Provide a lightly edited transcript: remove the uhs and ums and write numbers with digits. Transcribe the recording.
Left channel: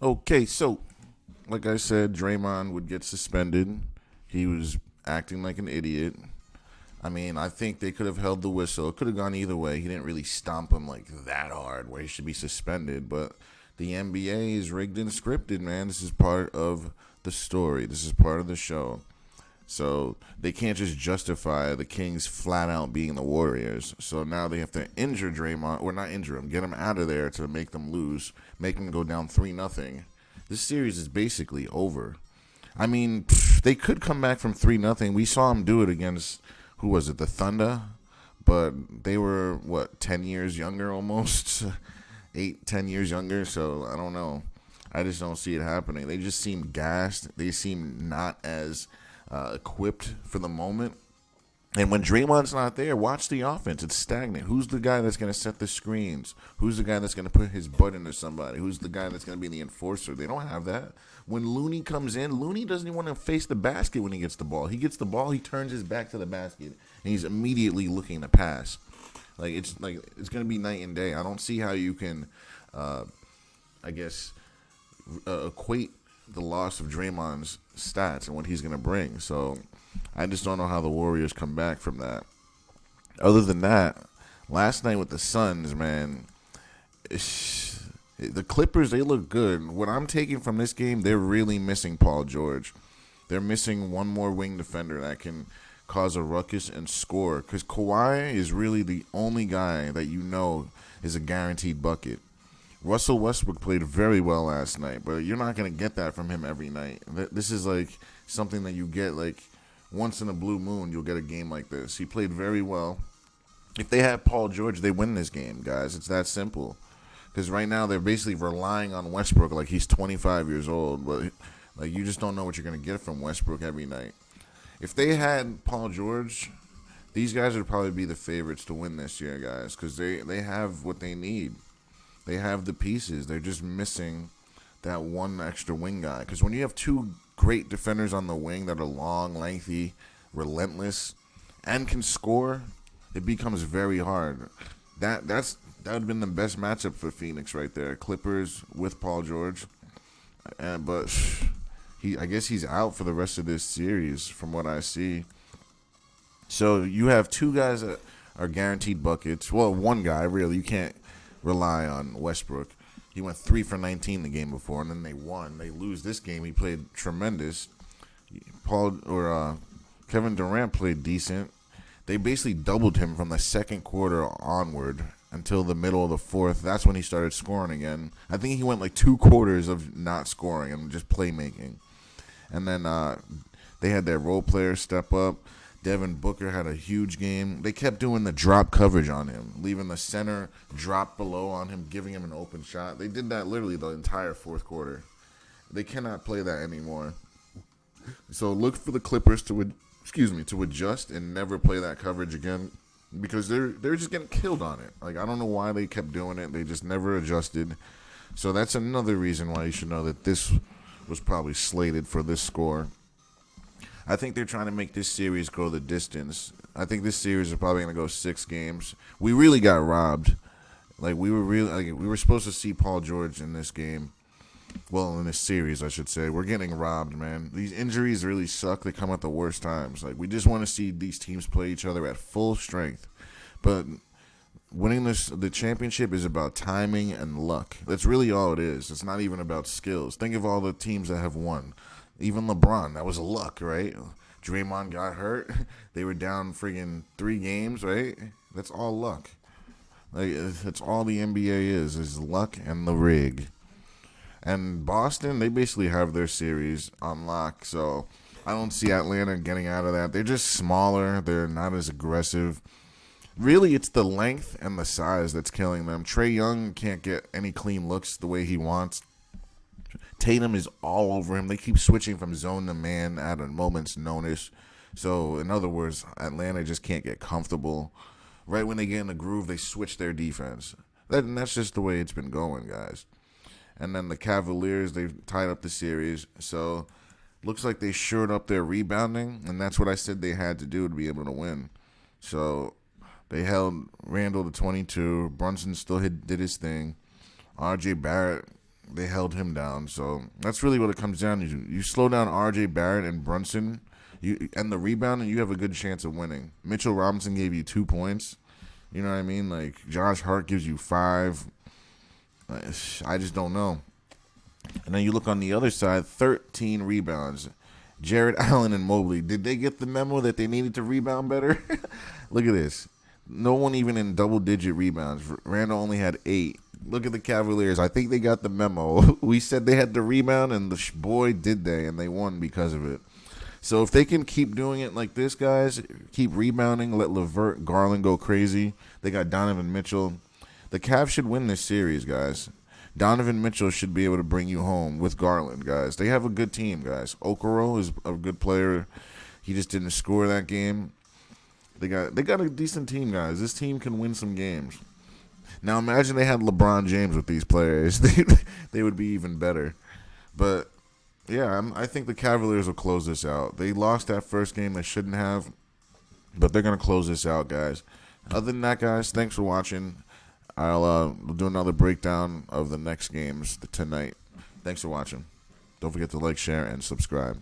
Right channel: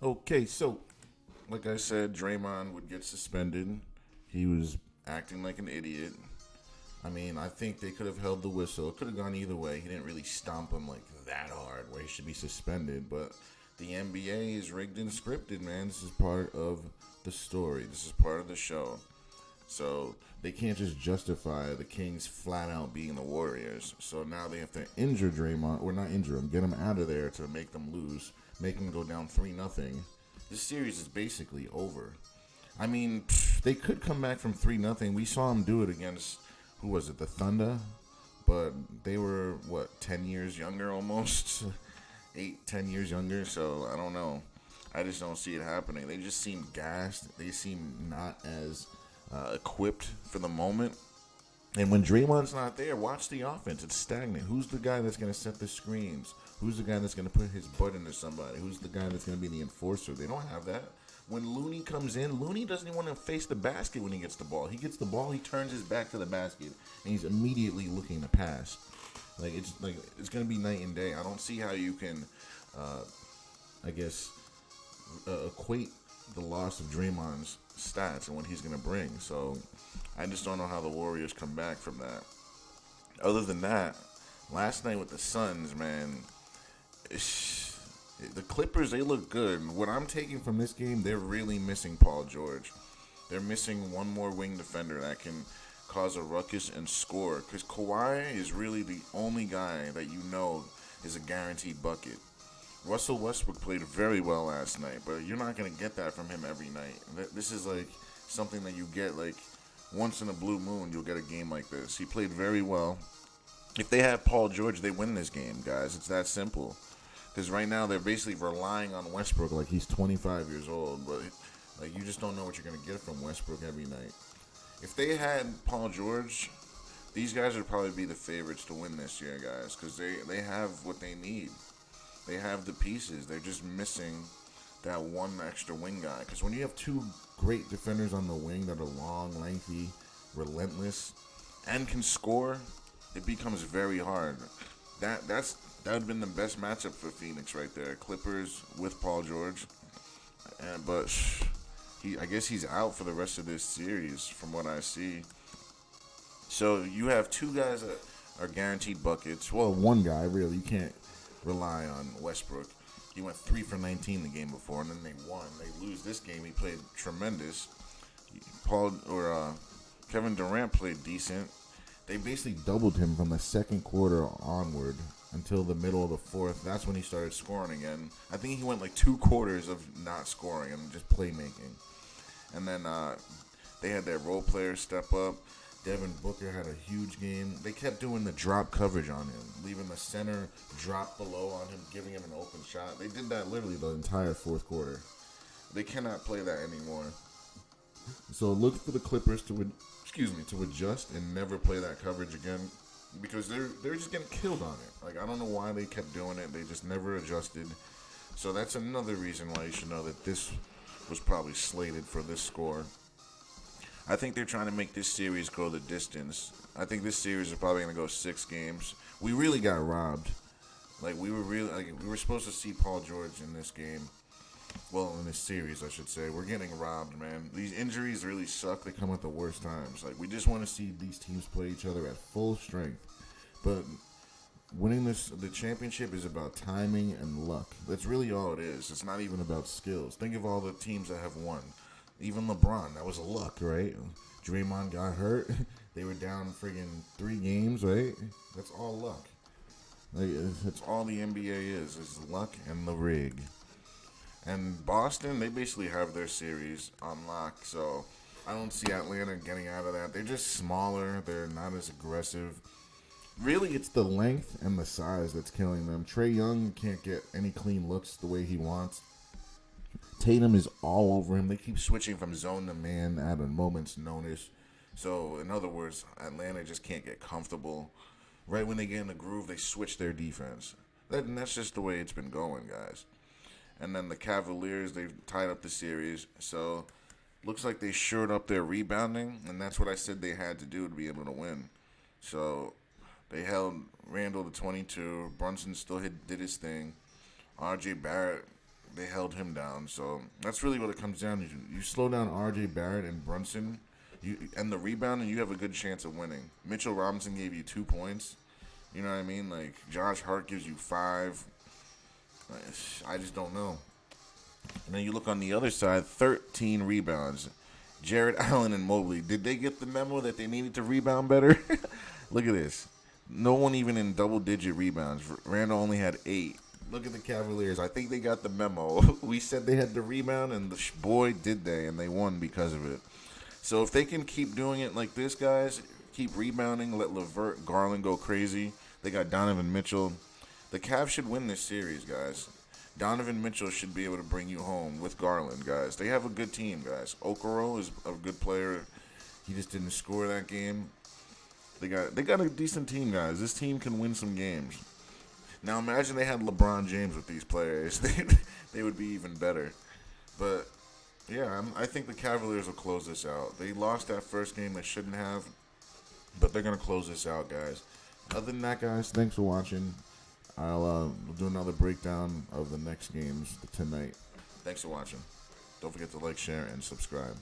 Okay, so like I said, Draymond would get suspended. He was acting like an idiot. I mean, I think they could have held the whistle. It could have gone either way. He didn't really stomp him like that hard where he should be suspended. But the NBA is rigged and scripted, man. This is part of the story. This is part of the show. So they can't just justify the Kings flat out being the Warriors. So now they have to injure Draymond, or not injure him, get him out of there to make them lose, make them go down 3-0. This series is basically over. I mean, they could come back from 3-0. We saw them do it against, who was it, the Thunder? But they were, what, 10 years younger almost? 8, 10 years younger, so I don't know. I just don't see it happening. They just seem gassed. They seem not as equipped for the moment. And when Draymond's not there, watch the offense. It's stagnant. Who's the guy that's going to set the screens? Who's the guy that's going to put his butt into somebody? Who's the guy that's going to be the enforcer? They don't have that. When Looney comes in, Looney doesn't even want to face the basket when he gets the ball. He gets the ball, he turns his back to the basket, and he's immediately looking to pass. It's going to be night and day. I don't see how you can, I guess, equate the loss of Draymond's stats and what he's going to bring. So I just don't know how the Warriors come back from that. Other than that, last night with the Suns, man, the Clippers, they look good. What I'm taking from this game, they're really missing Paul George. They're missing one more wing defender that can cause a ruckus and score. Because Kawhi is really the only guy that you know is a guaranteed bucket. Russell Westbrook played very well last night, but you're not going to get that from him every night. This is like something that you get like once in a blue moon. You'll get a game like this. He played very well. If they had Paul George, they win this game, guys. It's that simple. Because right now they're basically relying on Westbrook like he's 25 years old, but like you just don't know what you're going to get from Westbrook every night. If they had Paul George, these guys would probably be the favorites to win this year, guys, because they have what they need. They have the pieces. They're just missing that one extra wing guy. Because when you have two great defenders on the wing that are long, lengthy, relentless, and can score, it becomes very hard. That would have been the best matchup for Phoenix right there. Clippers with Paul George, but I guess he's out for the rest of this series from what I see. So you have two guys that are guaranteed buckets. Well, one guy really. You can't rely on Westbrook. He went 3 for 19 the game before, and then they won. They lose this game. He played tremendous. Kevin Durant played decent. They basically doubled him from the second quarter onward until the middle of the fourth. That's when he started scoring again. I think he went like 2 quarters of not scoring and just playmaking. And then they had their role players step up. Devin Booker had a huge game. They kept doing the drop coverage on him, leaving the center drop below on him, giving him an open shot. They did that literally the entire fourth quarter. They cannot play that anymore. So look for the Clippers to adjust and never play that coverage again because they're just getting killed on it. Like I don't know why they kept doing it. They just never adjusted. So that's another reason why you should know that this was probably slated for this score. I think they're trying to make this series go the distance. I think this series is probably going to go 6 games. We really got robbed. We were supposed to see Paul George in this game. Well, in this series, I should say. We're getting robbed, man. These injuries really suck. They come at the worst times. We just want to see these teams play each other at full strength. But winning the championship is about timing and luck. That's really all it is. It's not even about skills. Think of all the teams that have won. Even LeBron, that was luck, right? Draymond got hurt. They were down friggin' 3 games, right? That's all luck. That's all the NBA is luck and the rig. And Boston, they basically have their series on lock, so I don't see Atlanta getting out of that. They're just smaller. They're not as aggressive. Really, it's the length and the size that's killing them. Trae Young can't get any clean looks the way he wants. Tatum is all over him. They keep switching from zone to man at a moment's notice. So, in other words, Atlanta just can't get comfortable. Right when they get in the groove, they switch their defense. That's just the way it's been going, guys. And then the Cavaliers, they've tied up the series. So, looks like they shored up their rebounding, and that's what I said they had to do to be able to win. So, they held Randall to 22. Brunson still did his thing. R.J. Barrett They held him down. So that's really what it comes down to. You slow down R.J. Barrett and Brunson, and the rebound, and you have a good chance of winning. Mitchell Robinson gave you 2 points. You know what I mean? Like, Josh Hart gives you 5. I just don't know. And then you look on the other side, 13 rebounds. Jarrett Allen and Mobley, did they get the memo that they needed to rebound better? Look at this. No one even in double-digit rebounds. Randall only had 8. Look at the Cavaliers. I think they got the memo. We said they had to rebound, and boy, did they, and they won because of it. So if they can keep doing it like this, guys, keep rebounding, let LeVert, Garland go crazy. They got Donovan Mitchell. The Cavs should win this series, guys. Donovan Mitchell should be able to bring you home with Garland, guys. They have a good team, guys. Okoro is a good player. He just didn't score that game. They got a decent team, guys. This team can win some games. Now imagine they had LeBron James with these players. They would be even better. But yeah, I think the Cavaliers will close this out. They lost that first game they shouldn't have, but they're going to close this out, guys. Other than that, guys, thanks for watching. I'll do another breakdown of the next games tonight. Thanks for watching. Don't forget to like, share, and subscribe.